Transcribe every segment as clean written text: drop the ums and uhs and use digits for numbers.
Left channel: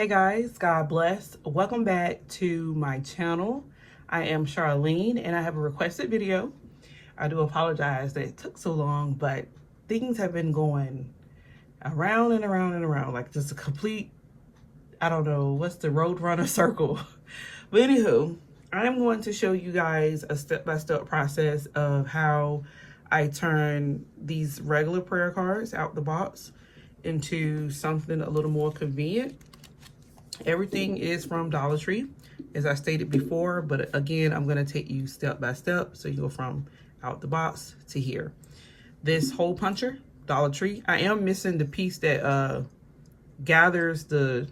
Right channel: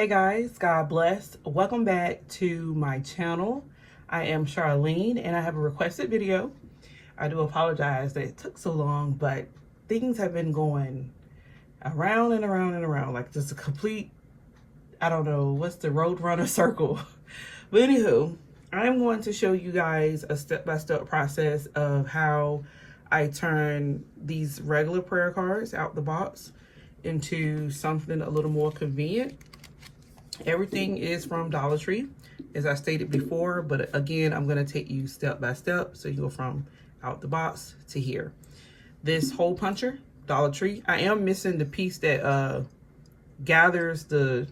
Hey guys, God bless. Welcome back to my channel. I am Charlene and I have a requested video. I do apologize that it took so long, but things have been going around and around and around, like just a complete, I don't know, what's the roadrunner circle. But anywho, I am going to show you guys a step-by-step process of how I turn these regular prayer cards out the box into something a little more convenient. Everything is from Dollar Tree, as I stated before, but again, I'm going to take you step by step. So you go from out the box to here. This hole puncher, Dollar Tree. I am missing the piece that gathers the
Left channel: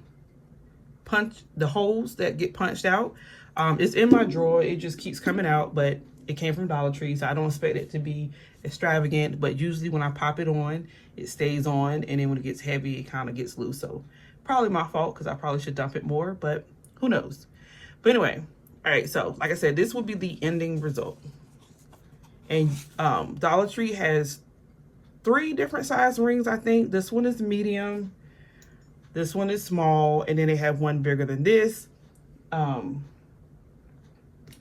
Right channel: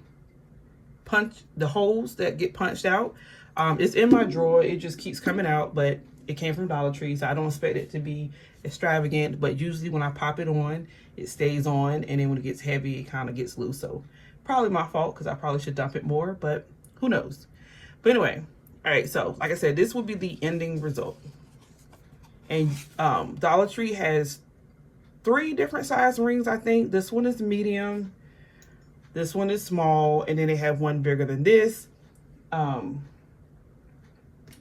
holes that get punched out. It's in my drawer. It just keeps coming out, but it came from Dollar Tree, so I don't expect it to be extravagant. But usually when I pop it on, it stays on, and then when it gets heavy, it kind of gets loose. So probably my fault, because I probably should dump it more, but who knows. But anyway, all right, so like I said, this will be the ending result. And Dollar Tree has 3 different size rings, I think. This one is medium, this one is small, and then they have one bigger than this.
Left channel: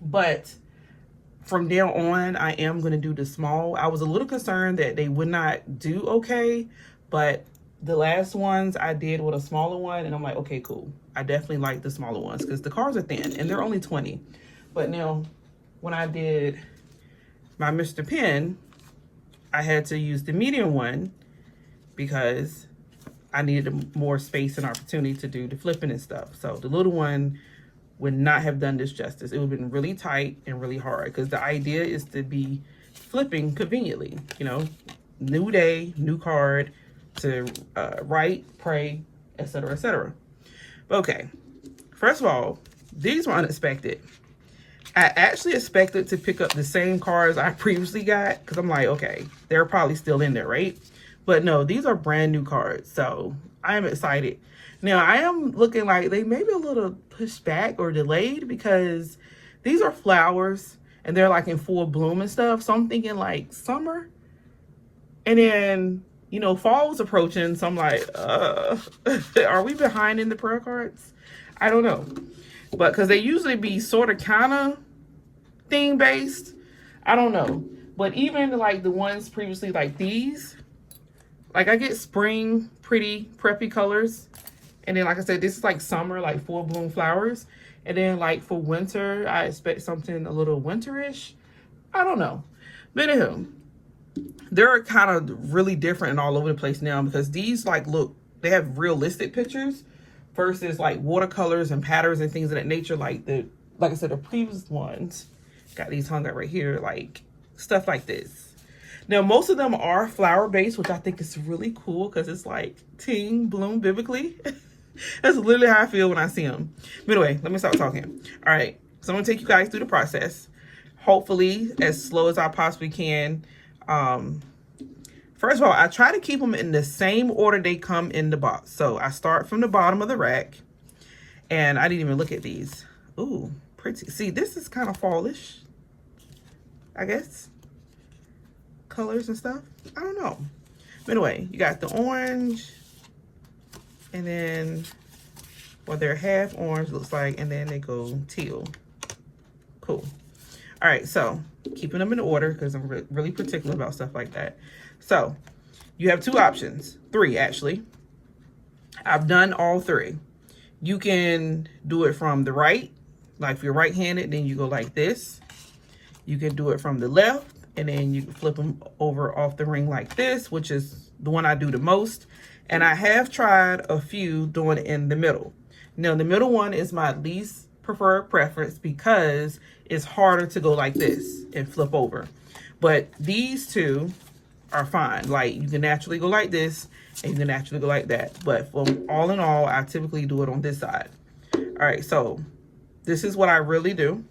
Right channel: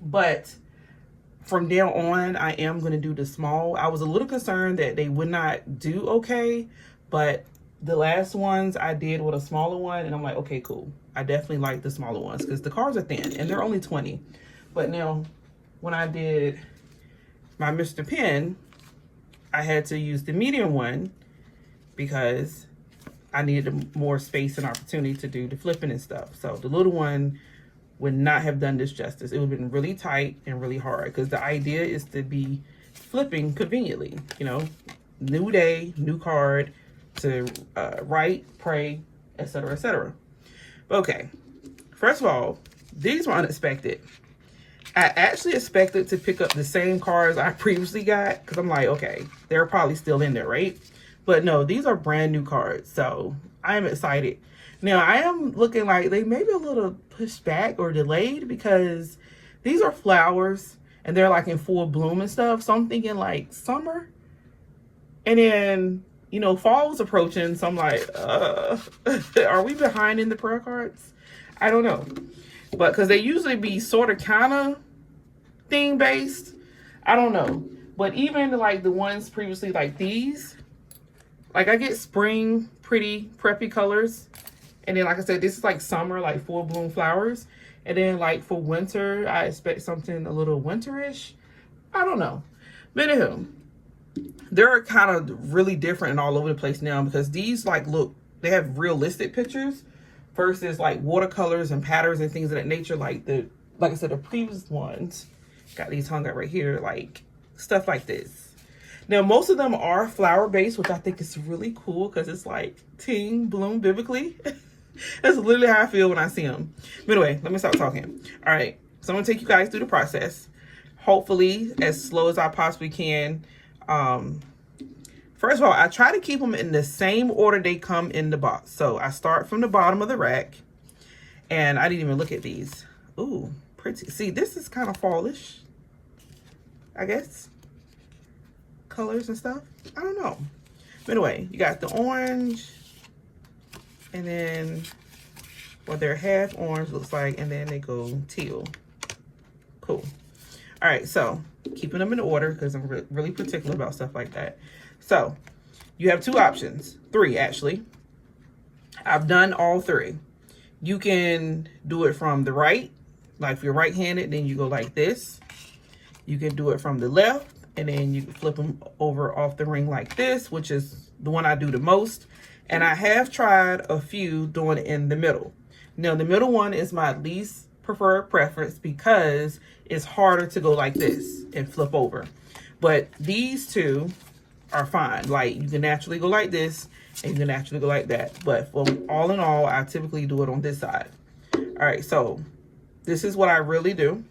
But from there on, I am going to do the small. I was a little concerned that they would not do okay, but the last ones I did with a smaller one, and I'm like, okay, cool. I definitely like the smaller ones because the cards are thin and they're only 20. But now when I did my Mr. Pen, I had to use the medium one because I needed more space and opportunity to do the flipping and stuff. So the little one would not have done this justice. It would have been really tight and really hard because the idea is to be flipping conveniently, you know, new day, new card, to write, pray, etc., etc. Okay, first of all, these were unexpected. I actually expected to pick up the same cards I previously got because I'm like, okay, they're probably still in there, right? But no, these are brand new cards, so I am excited. Now, I am looking like they may be a little pushed back or delayed because these are flowers and they're like in full bloom and stuff, so I'm thinking like summer. And then, you know, fall was approaching, so I'm like, are we behind in the prayer cards? I don't know. But because they usually be sort of kind of theme based. I don't know. But even like the ones previously like these, like I get spring, pretty, preppy colors. And then like I said, this is like summer, like full bloom flowers. And then like for winter, I expect something a little winterish. I don't know. But anywho, they're kind of really different and all over the place now because these like look, they have realistic pictures versus like watercolors and patterns and things of that nature. Like I said, the previous ones got these hung up right here, like stuff like this. Now most of them are flower based, which I think is really cool because it's like Team Bloom Biblically. That's literally how I feel when I see them. But anyway, let me stop talking. All right, so I'm gonna take you guys through the process, hopefully as slow as I possibly can. First of all, I try to keep them in the same order they come in the box. So I start from the bottom of the rack, and I didn't even look at these. Ooh, pretty. See, this is kind of fallish, I guess. Colors and stuff. I don't know. But anyway, you got the orange, and then, well, they're half orange, looks like, and then they go teal. Cool. All right, so keeping them in order because I'm really particular about stuff like that. So you have 2 options, 3 actually. I've done all 3. You can do it from the right, like if you're right-handed, then you go like this. You can do it from the left, and then you can flip them over off the ring like this, which is the one I do the most. And I have tried a few doing it in the middle. Now the middle one is my least preferred preference because it's harder to go like this and flip over. But these 2 are fine. Like you can naturally go like this and you can naturally go like that. But for all in all, I typically do it on this side. All right, so this is what I really do.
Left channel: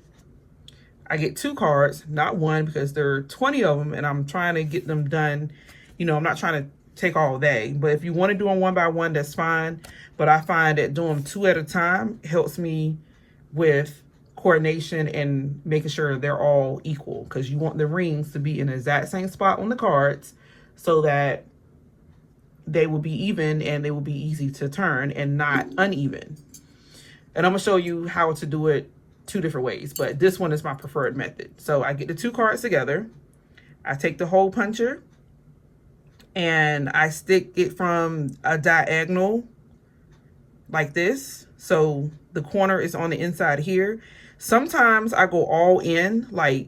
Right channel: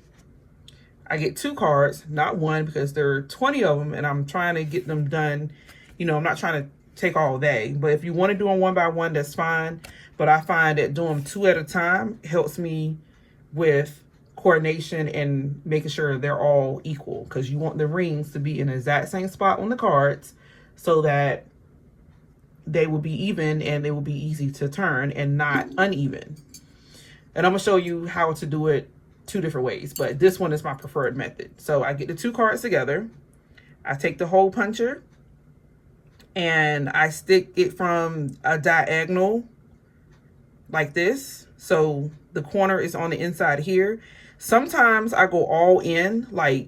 I get 2 cards, not 1, because there are 20 of them and I'm trying to get them done. You know, I'm not trying to take all day, but if you want to do them one by one, that's fine. But I find that doing 2 at a time helps me with coordination and making sure they're all equal, because you want the rings to be in the exact same spot on the cards so that they will be even and they will be easy to turn and not uneven. And I'm gonna show you how to do it 2 different ways, but this one is my preferred method. So I get the 2 cards together, I take the hole puncher and I stick it from a diagonal like this. So the corner is on the inside here. Sometimes I go all in, like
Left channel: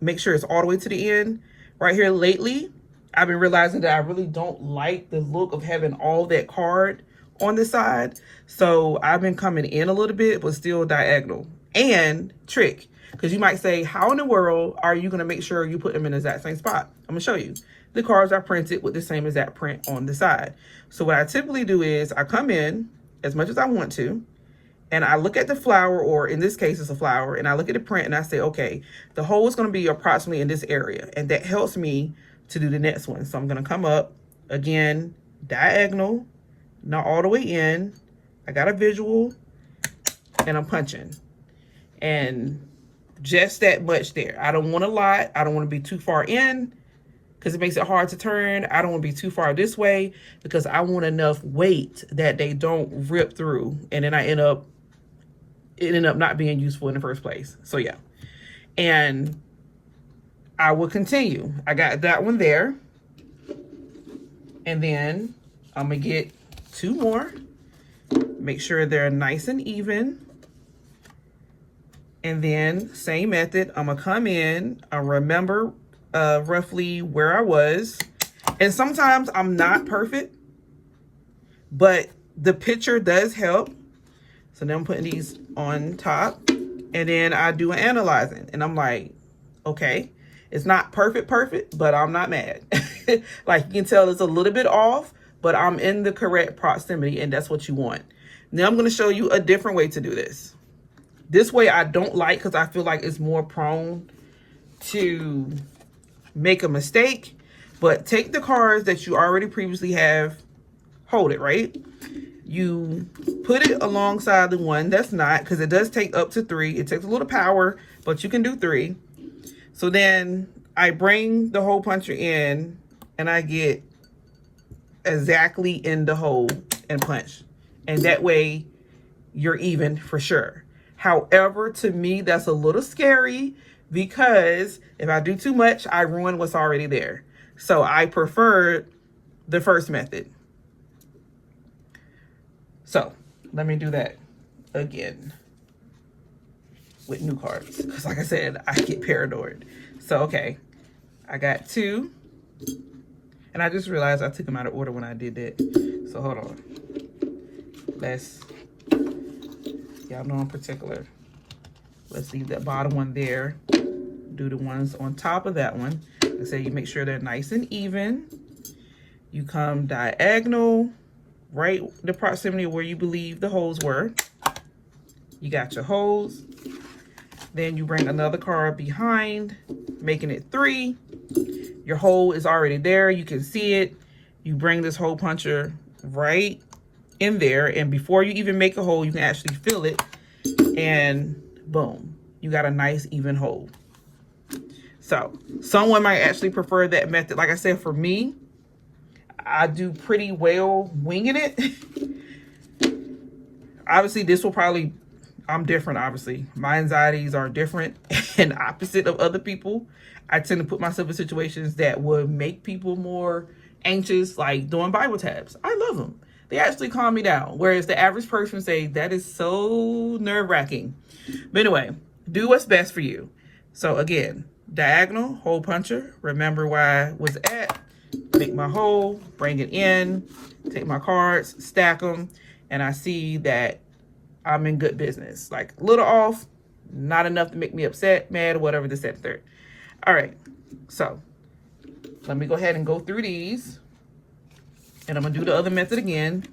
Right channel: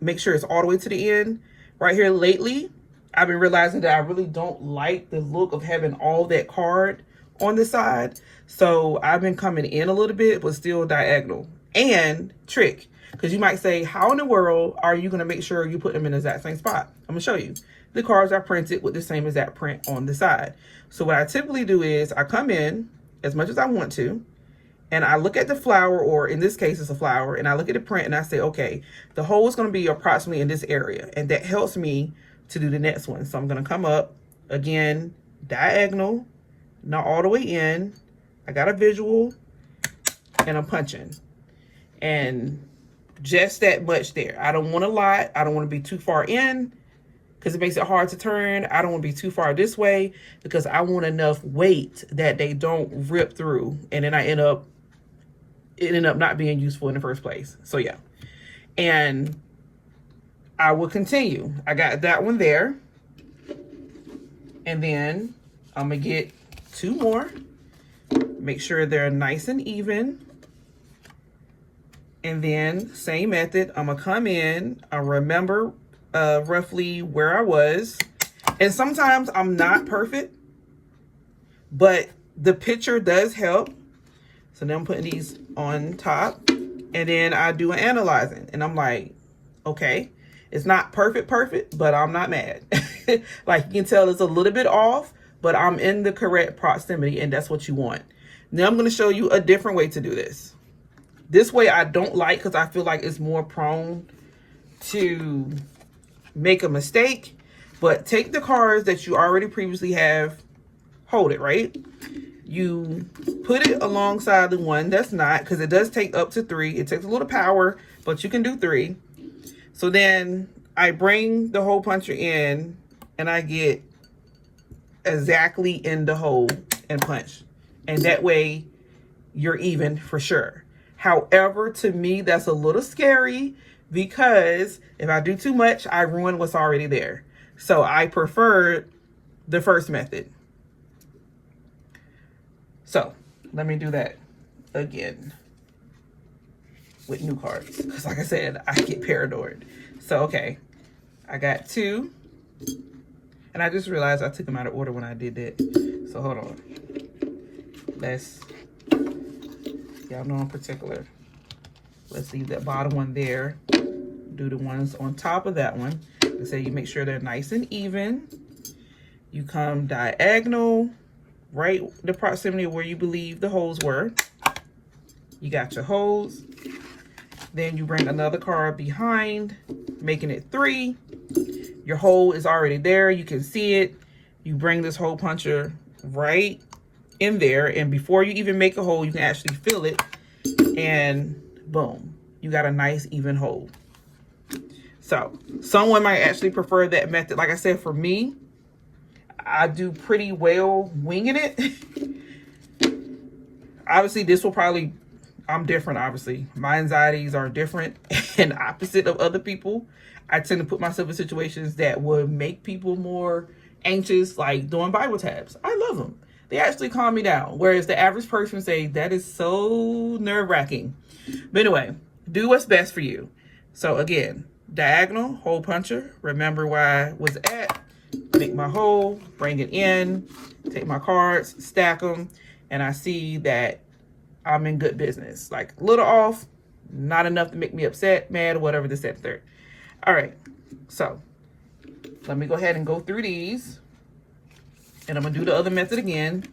make sure it's all the way to the end. Right here lately, I've been realizing that I really don't like the look of having all that card on the side. So I've been coming in a little bit, but still diagonal. And trick, because you might say, how in the world are you going to make sure you put them in the exact same spot? I'm going to show you. The cards are printed with the same exact print on the side. So what I typically do is I come in as much as I want to, and I look at the flower, or in this case it's a flower, and I look at the print and I say, okay, the hole is going to be approximately in this area. And that helps me to do the next one. So I'm going to come up again, diagonal, not all the way in. I got a visual and I'm punching. And just that much there. I don't want a lot. I don't want to be too far in because it makes it hard to turn. I don't want to be too far this way because I want enough weight that they don't rip through. And then it ended up not being useful in the first place. So yeah. And I will continue. I got that one there. And then I'm going to get 2 more. Make sure they're nice and even. And then same method. I'm going to come in. I remember roughly where I was. And sometimes I'm not perfect, but the picture does help. So now I'm putting these on top. And then I do an analyzing. And I'm like, okay. It's not perfect, but I'm not mad. Like you can tell it's a little bit off, but I'm in the correct proximity and that's what you want. Now I'm going to show you a different way to do this. This way I don't like because I feel like it's more prone to make a mistake. But take the cards that you already previously have, hold it, right? You put it alongside the one that's not, because it does take up to 3. It takes a little power, but you can do 3. So then I bring the hole puncher in and I get exactly in the hole and punch. And that way you're even for sure. However, to me, that's a little scary because if I do too much, I ruin what's already there. So I prefer the first method. So let me do that again with new cards, because like I said, I get paranoid. So okay, I got 2, and I just realized I took them out of order when I did that. So hold on, let's, y'all know I'm particular. Let's leave that bottom one there, do the ones on top of that one. Let's say you make sure they're nice and even. You come diagonal, right the proximity of where you believe the holes were. You got your holes. Then you bring another card behind, making it 3. Your hole is already there. You can see it. You bring this hole puncher right in there. And before you even make a hole, you can actually feel it. And boom, you got a nice even hole. So someone might actually prefer that method. Like I said, for me, I do pretty well winging it. Obviously, this will probably, I'm different, obviously. My anxieties are different and opposite of other people. I tend to put myself in situations that would make people more anxious, like doing Bible tabs. I love them. They actually calm me down. Whereas the average person say, that is so nerve-wracking. But anyway, do what's best for you. So again, diagonal, hole puncher. Remember where I was at. Make my hole, bring it in, take my cards, stack them, and I see that I'm in good business. Like a little off, not enough to make me upset, mad, or whatever the step third. All right, so let me go ahead and go through these. And I'm gonna do the other method again,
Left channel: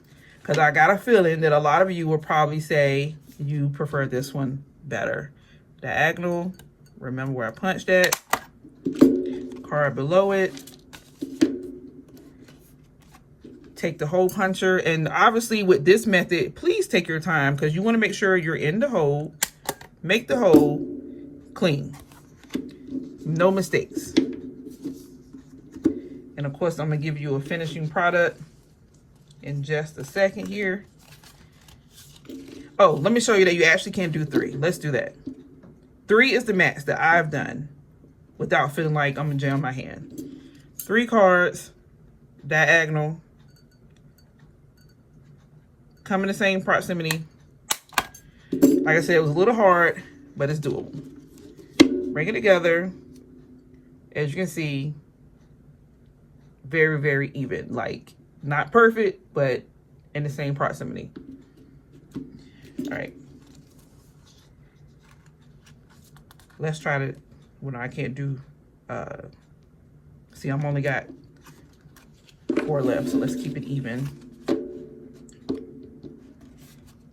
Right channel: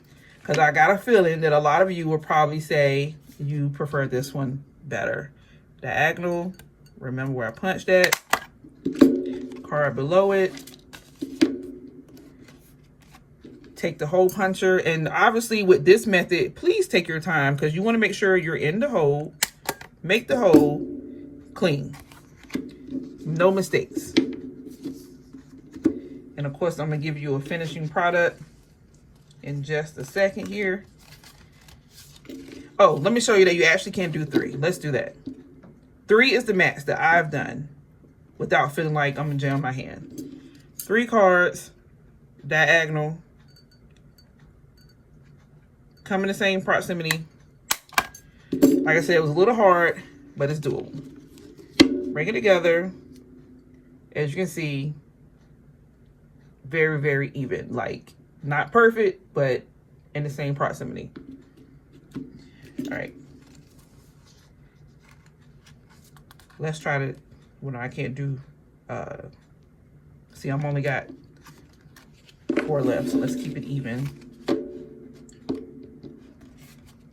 because I got a feeling that a lot of you will probably say you prefer this one better. Diagonal, remember where I punched at, card below it. Take the hole puncher, and obviously with this method, please take your time because you want to make sure you're in the hole. Make the hole clean. No mistakes. And of course, I'm going to give you a finishing product in just a second here. Oh, let me show you that you actually can do 3. Let's do that. 3 is the max that I've done without feeling like I'm gonna jam my hand. 3 cards, diagonal, come in the same proximity. Like I said, it was a little hard, but it's doable. Bring it together. As you can see, very, very even. Like, not perfect, but in the same proximity. All right. Let's try to, well, no, I can't do, see, I'm only got 4 left, so let's keep it even.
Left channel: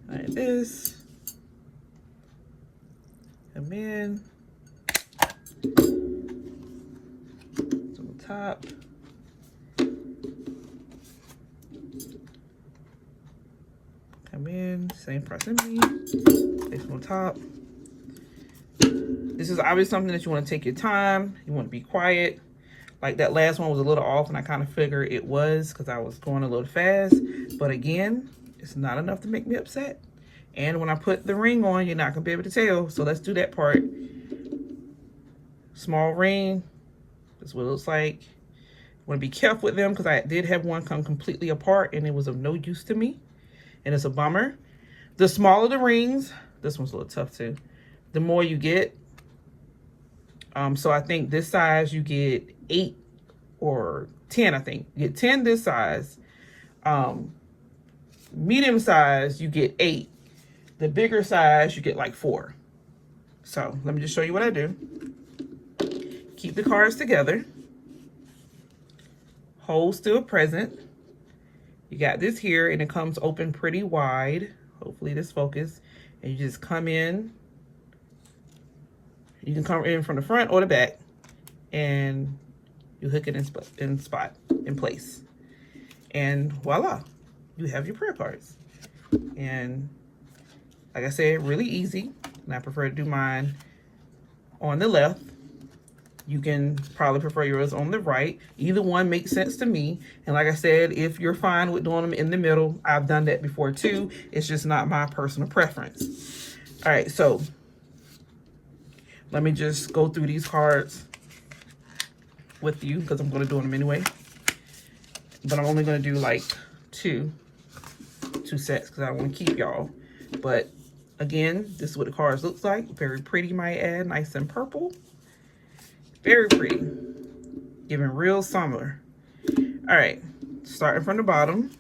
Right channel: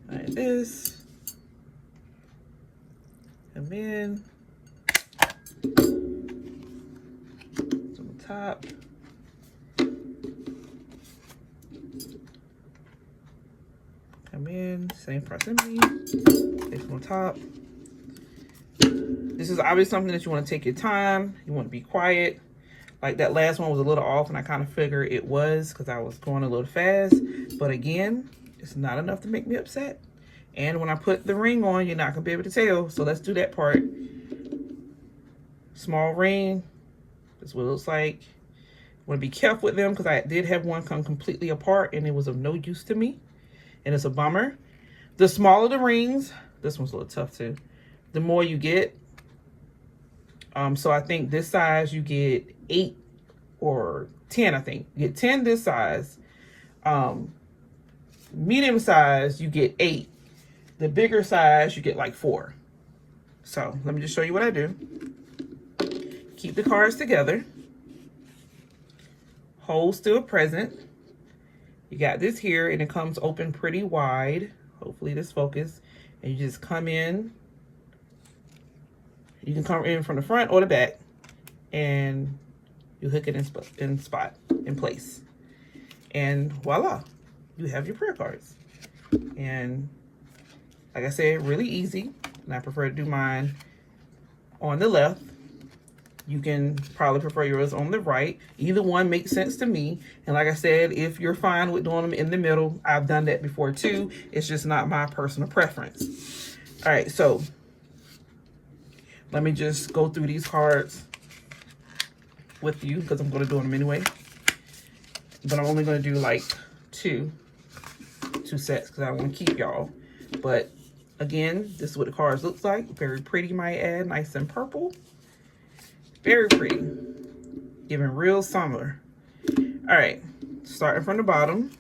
Like this. Come in. To the top. Come in, same proximity. Take from the top. This is obviously something that you want to take your time. You want to be quiet. Like that last one was a little off, and I kind of figured it was because I was going a little fast. But again, it's not enough to make me upset. And when I put the ring on, you're not going to be able to tell. So let's do that part. Small ring. That's what it looks like. Want to be careful with them because I did have one come completely apart and it was of no use to me. And it's a bummer. The smaller the rings, this one's a little tough too, the more you get. So I think this size you get 8 or 10, I think. You get 10 this size. Medium size, you get 8. The bigger size, you get like 4. So let me just show you what I do. Keep the cards together. Hold still present. You got this here and it comes open pretty wide. Hopefully this focus. And you just come in. You can come in from the front or the back. And you hook it in place. And voila. You have your prayer cards. And like I said, really easy. And I prefer to do mine on the left. You can probably prefer yours on the right. Either one makes sense to me. And like I said, if you're fine with doing them in the middle, I've done that before too. It's just not my personal preference. All right, so let me just go through these cards with you because I'm going to do them anyway. But I'm only going to do like two sets because I want to keep y'all. But again, this is what the cards looks like. Very pretty, might add. Nice and purple. Very pretty. Giving real summer. All right. Starting from the bottom.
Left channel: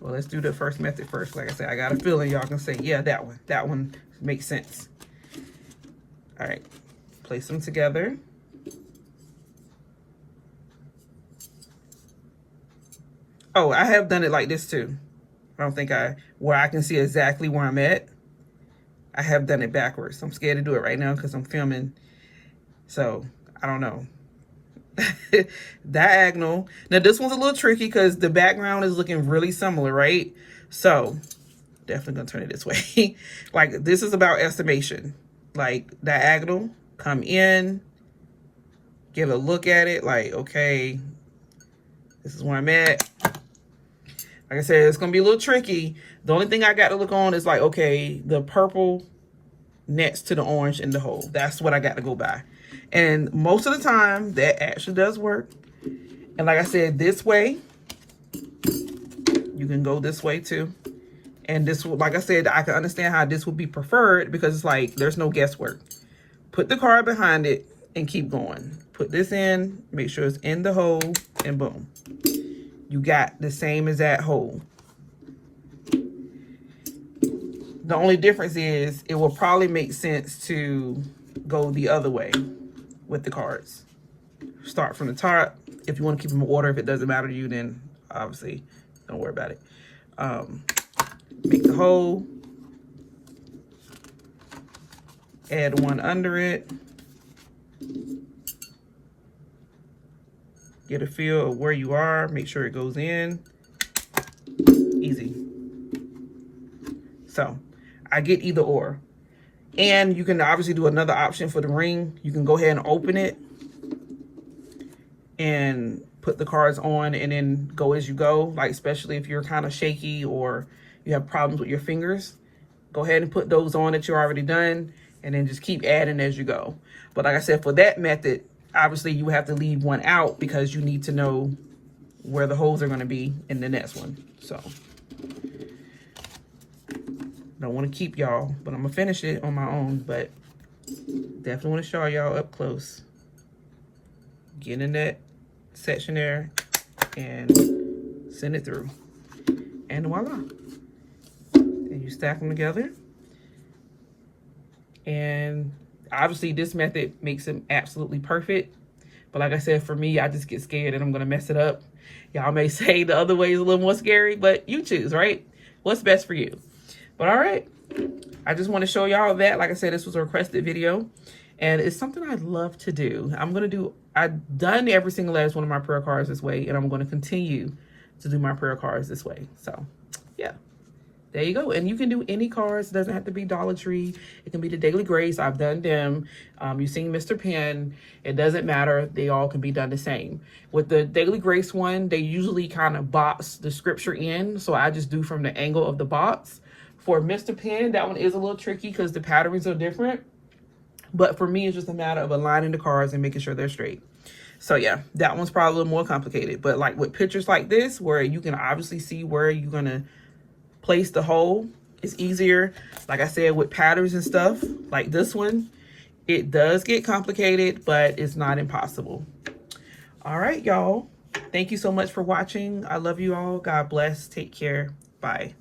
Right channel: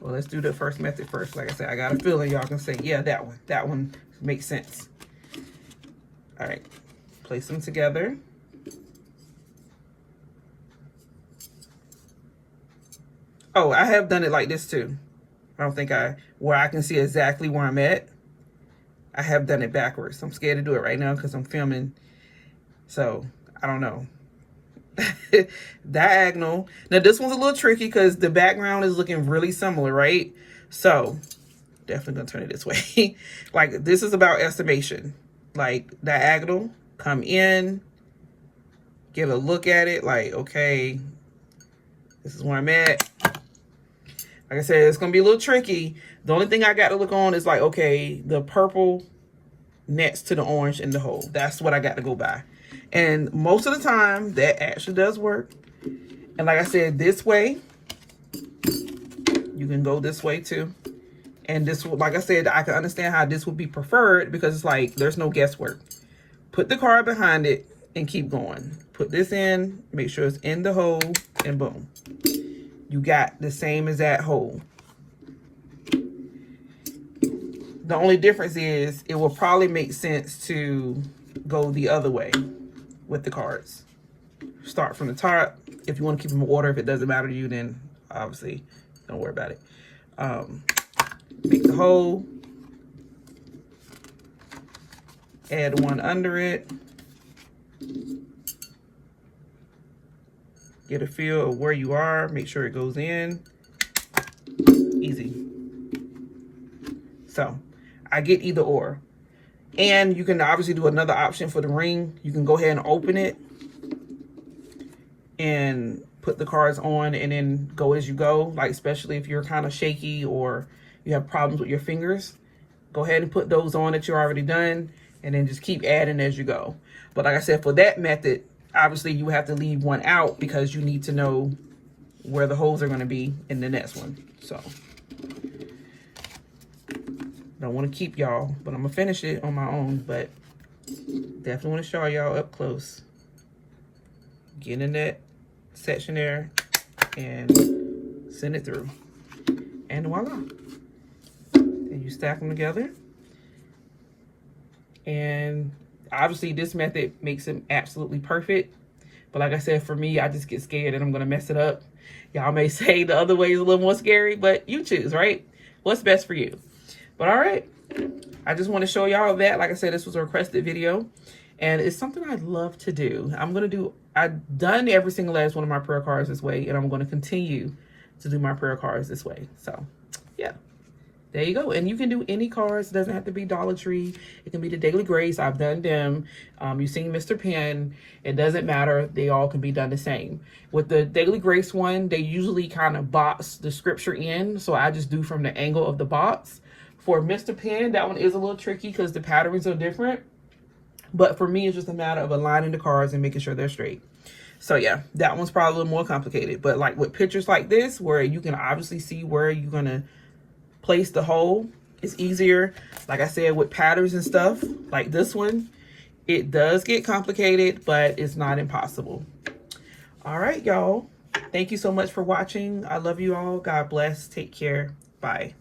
Well, let's do the first method first. Like I said, I got a feeling y'all can say, yeah, that one. That one makes sense. All right. Place them together. Oh, I have done it like this too. I don't think where I can see exactly where I'm at. I have done it backwards. I'm scared to do it right now because I'm filming. So, I don't know. Diagonal. Now, this one's a little tricky because the background is looking really similar, right? So, definitely going to turn it this way. Like, this is about estimation. Like, diagonal, come in, get a look at it. Like, okay, this is where I'm at. Like I said, it's going to be a little tricky. The only thing I got to look on is like, okay, the purple next to the orange in the hole. That's what I got to go by. And most of the time, that actually does work. And like I said, this way, you can go this way too. And this, like I said, I can understand how this would be preferred because it's like, there's no guesswork. Put the card behind it and keep going. Put this in, make sure it's in the hole, and boom. You got the same as that hole. The only difference is it will probably make sense to go the other way with the cards. Start from the top. If you want to keep them in order, if it doesn't matter to you, then obviously don't worry about it. Make the hole. Add one under it. Get a feel of where you are. Make sure it goes in. Easy. So, I get either or. And you can obviously do another option for the ring. You can go ahead and open it and put the cards on and then go as you go, like especially if you're kind of shaky or you have problems with your fingers. Go ahead and put those on that you're already done, and then just keep adding as you go. But like I said, for that method, obviously you have to leave one out because you need to know where the holes are going to be in the next one. So don't want to keep y'all, but I'm gonna finish it on my own. But definitely want to show y'all up close. Get in that section there and send it through, and voila. And you stack them together. And obviously this method makes it absolutely perfect, but like I said, for me, I just get scared that I'm gonna mess it up. Y'all may say the other way is a little more scary, but you choose, right? What's best for you? But all right, I just want to show y'all that. Like I said, this was a requested video, and it's something I'd love to do. I've done every single last one of my prayer cards this way, and I'm going to continue to do my prayer cards this way. So yeah, there you go. And you can do any cards. It doesn't have to be Dollar Tree. It can be the Daily Grace. I've done them. You've seen Mr. Pen. It doesn't matter. They all can be done the same. With the Daily Grace one, they usually kind of box the scripture in, so I just do from the angle of the box. For Mr. Pen, that one is a little tricky because the patterns are different. But for me, it's just a matter of aligning the cards and making sure they're straight. So yeah, that one's probably a little more complicated. But like with pictures like this, where you can obviously see where you're going to place the hole, it's easier. Like I said, with patterns and stuff, like this one, it does get complicated, but it's not impossible. All right, y'all. Thank you so much for watching. I love you all. God bless. Take care. Bye.